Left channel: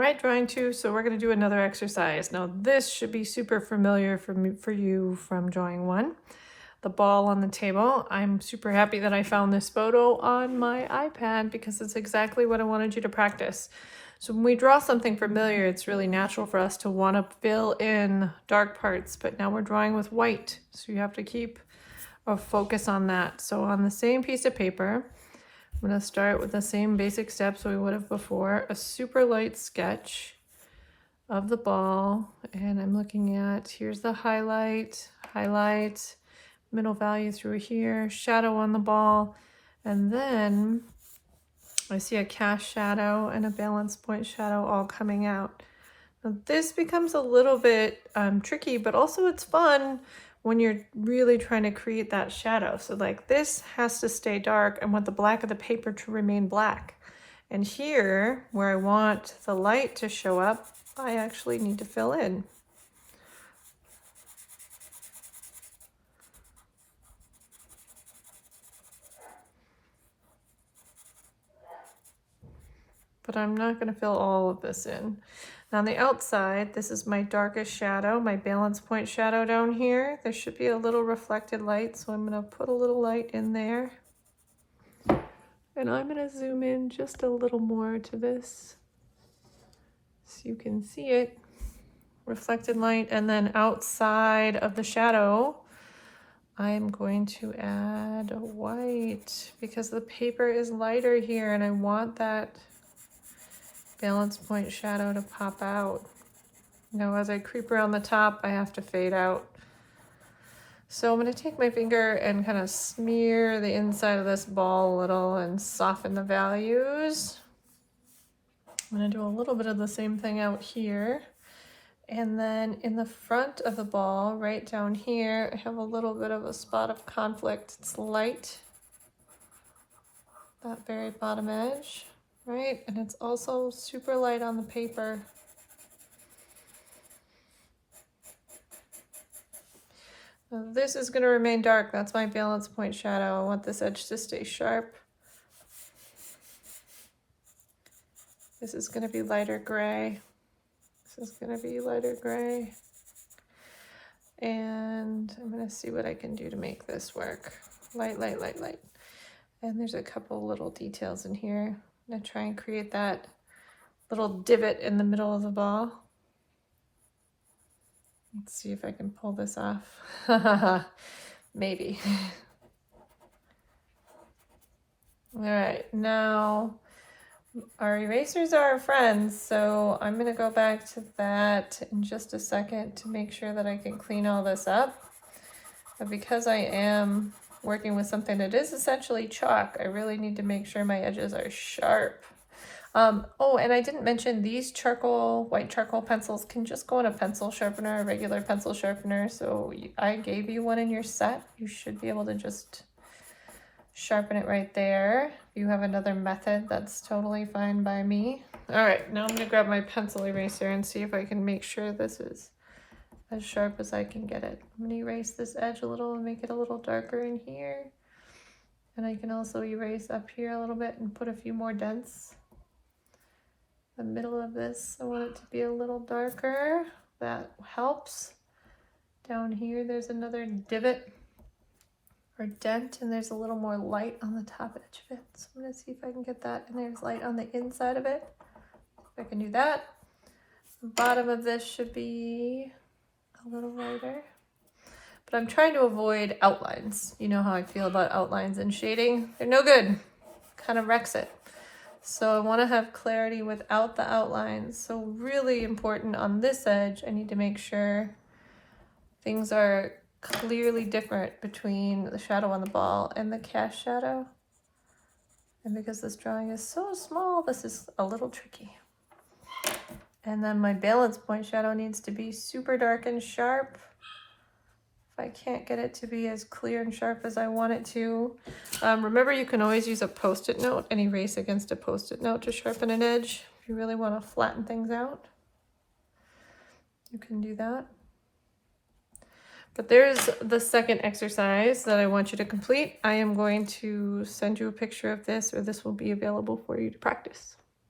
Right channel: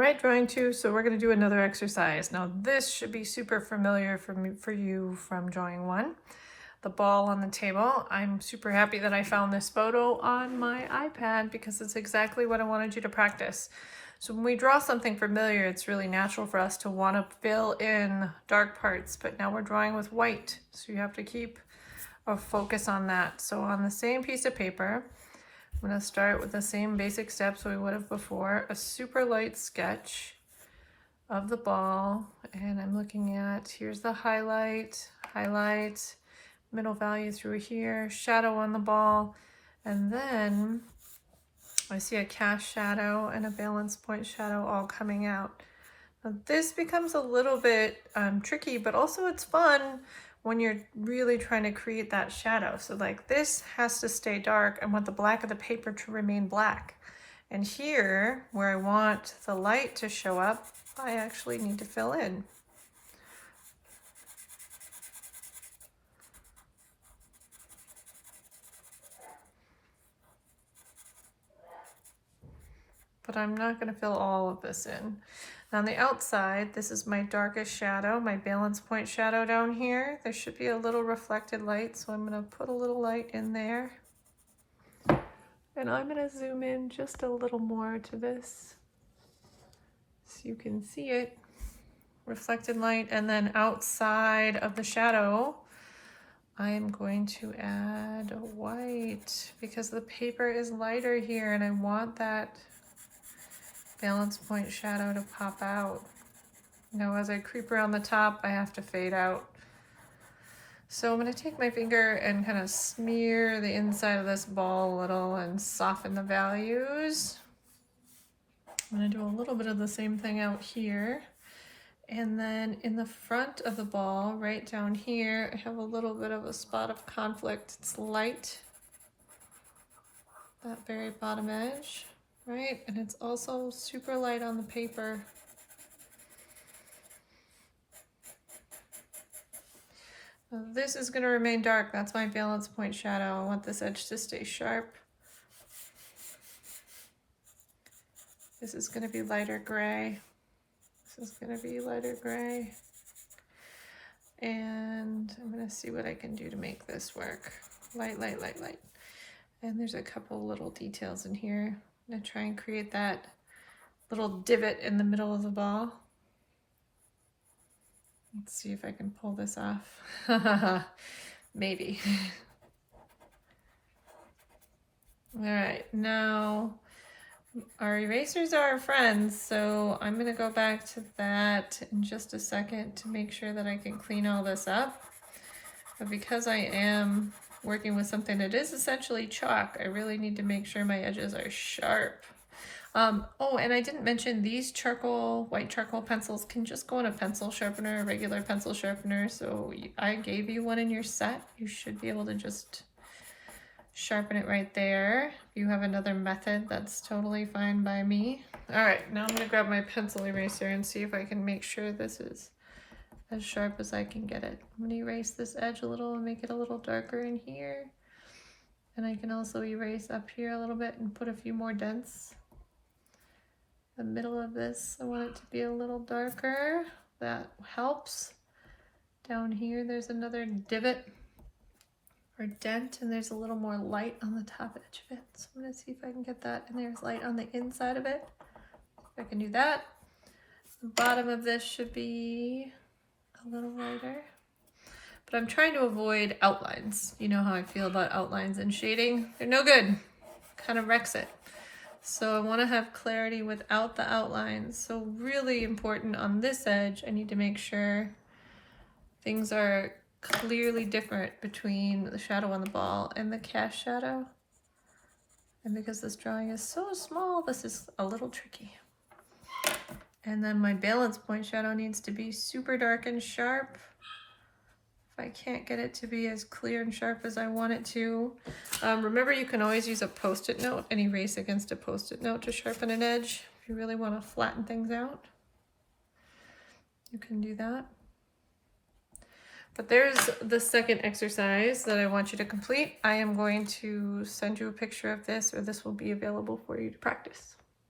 right, drawing two, so we're going to do another exercise. Now this should be super familiar for you from drawing one. The ball on the table. I'm super happy that I found this photo on my iPad because it's exactly what I wanted you to practice. So when we draw something familiar, it's really natural for us to want to fill in dark parts, but now we're drawing with white, so you have to keep a focus on that. So on the same piece of paper, I'm going to start with the same basic steps we would have before, a super light sketch of the ball, and I'm looking at, here's the highlight, middle value through here, shadow on the ball, and then I see a cast shadow and a balance point shadow all coming out. Now this becomes a little bit tricky, but also it's fun when you're really trying to create that shadow. So like this has to stay dark and want the black of the paper to remain black. And here, where I want the light to show up, I actually need to fill in. But I'm not going to fill all of this in. Now on the outside, this is my darkest shadow, my balance point shadow down here. There should be a little reflected light, so I'm going to put a little light in there. And I'm going to zoom in just a little more to this so you can see it. Reflected light, and then outside of the shadow, I'm going to add white because the paper is lighter here and I want that balance point shadow to pop out. Now as I creep around the top, I have to fade out. So I'm going to take my finger and kind of smear the inside of this ball a little and soften the values. I'm going to do a little bit of the same thing out here. And then in the front of the ball, right down here, I have a little bit of a spot of conflict. It's light, that very bottom edge, right? And it's also super light on the paper. Now this is going to remain dark. That's my balance point shadow. I want this edge to stay sharp. This is going to be lighter gray. This is going to be lighter gray. And I'm going to see what I can do to make this work. Light. And there's a couple little details in here. I'm going to try and create that little divot in the middle of the ball. Let's see if I can pull this off. Maybe. All right, now our erasers are our friends, so I'm going to go back to that in just a second to make sure that I can clean all this up. But because I am working with something that is essentially chalk, I really need to make sure my edges are sharp. Oh, and I didn't mention these white charcoal pencils can just go in a pencil sharpener, a regular pencil sharpener. So I gave you one in your set. You should be able to just sharpen it right there. If you have another method, that's totally fine by me. All right, now I'm gonna grab my pencil eraser and see if I can make sure this is as sharp as I can get it. I'm gonna erase this edge a little and make it a little darker in here. And I can also erase up here a little bit and put a few more dents. The middle of this, I want it to be a little darker. That helps. Down here, there's another divot or dent, and there's a little more light on the top edge of it. So I'm gonna see if I can get that, and there's light on the inside of it. If I can do that. The bottom of this should be a little lighter. But I'm trying to avoid outlines. You know how I feel about outlines and shading. They're no good. Kind of wrecks it. So I want to have clarity without the outlines. So really important on this edge, I need to make sure things are clearly different between the shadow on the ball and the cast shadow. And because this drawing is so small, this is a little tricky. And then my balance point shadow needs to be super dark and sharp. I can't get it to be as clear and sharp as I want it to. Remember, you can always use a post-it note and erase against a post-it note to sharpen an edge. If you really want to flatten things out, you can do that. But there's the second exercise that I want you to complete. I am going to send you a picture of this, or this will be available for you to practice.